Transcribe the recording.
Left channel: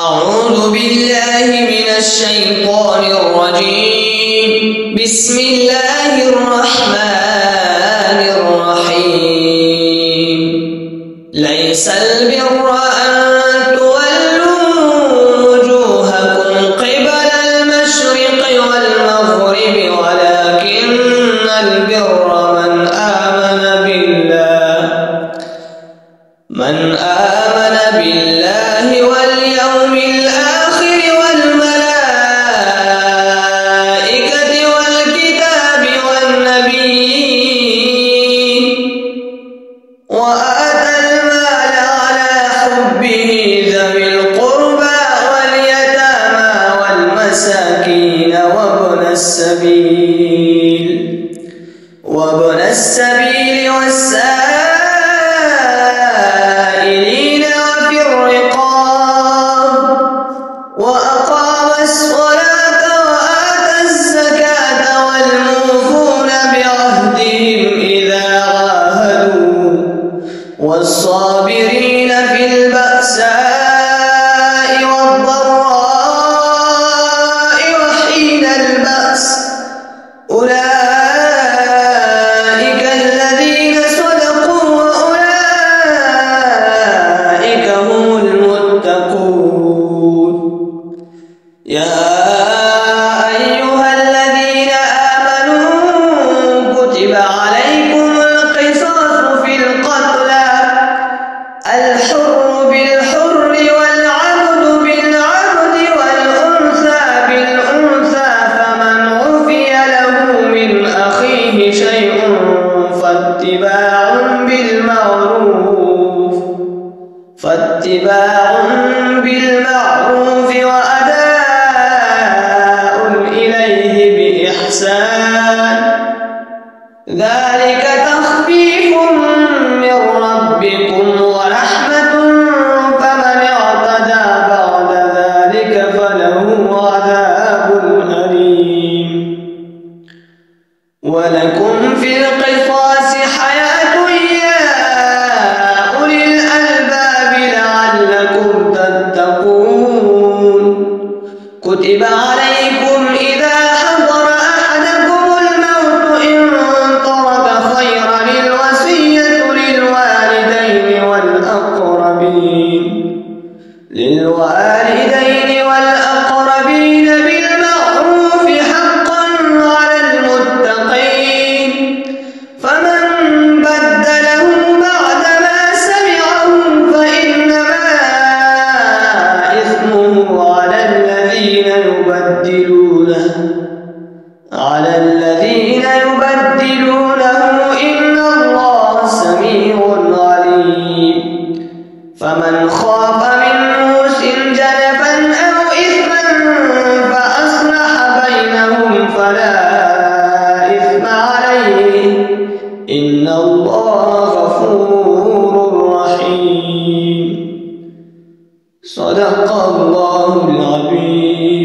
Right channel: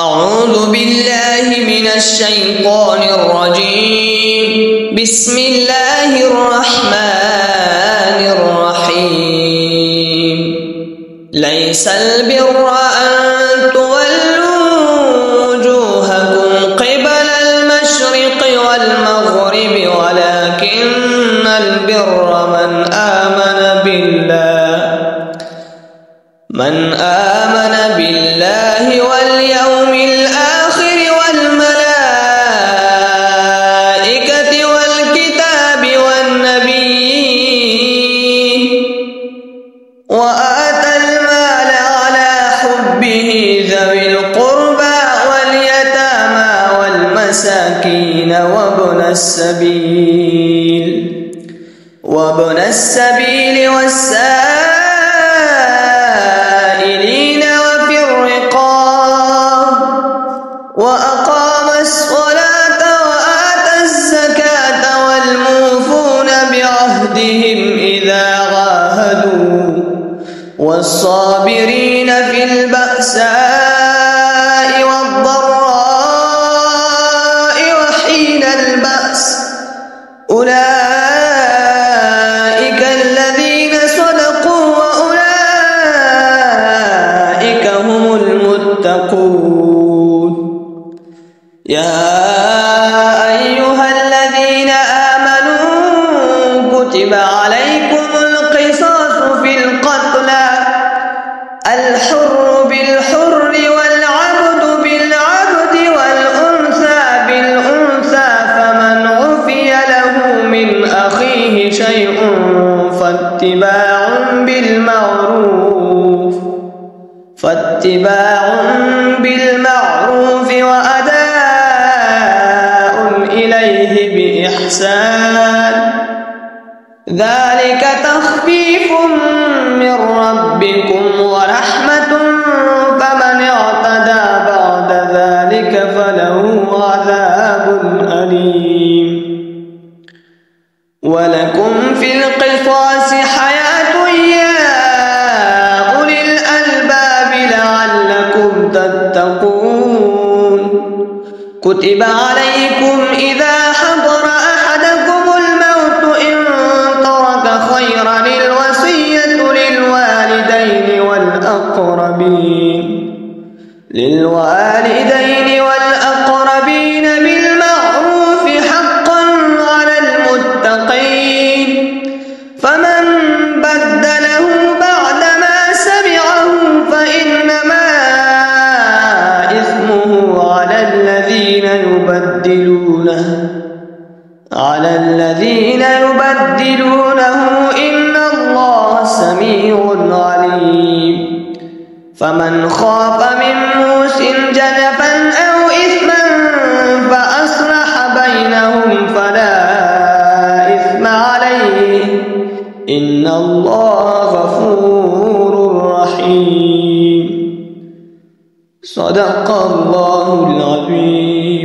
أعوذ بالله من الشيطان الرجيم. بسم الله الرحمن الرحيم. ليس البر أن تولوا وجوهكم قبل المشرق والمغرب ولكن البر من آمن بالله واليوم الآخر والملائكة والكتاب والنبيين وآتى المال على حبه ذوي القربى واليتامى والمساكين وابن السبيل والسائلين وفي الرقاب وأقام الصلاة وآتى الزكاة والموفون بعهدهم إذا عاهدوا والصابرين في البأساء والضراء وحين البأس أولئك الذين صدقوا وأولئك هم المتقون. يا أيها الذين آمنوا كتب عليكم القصاص في القتلى الحر بالحر والعبد بالعبد والأنثى بالأنثى فمن عفي له من أخيه شيء فاتباع بالمعروف وأداء إليه بإحسان ذلك تخفيف من ربكم ورحمة فمن اعتدى بعد ذلك فله عذاب أليم. ولكم في القصاص حياة يا أولي الألباب لعلكم تتقون. كتب عليكم إذا حضر أحدكم الموت إن ترك خيرا الوصية للوالدين والأقربين بالمعروف حقا على المتقين. فمن بدله بعدما سمعه فإنما إثمه على الذين يبدلونه إن الله سميع عليم. فمن خاف من موص جنفا أو إثما فأصلح بينهم فلا إثم عليه إن الله غفور رحيم. صدق الله العظيم.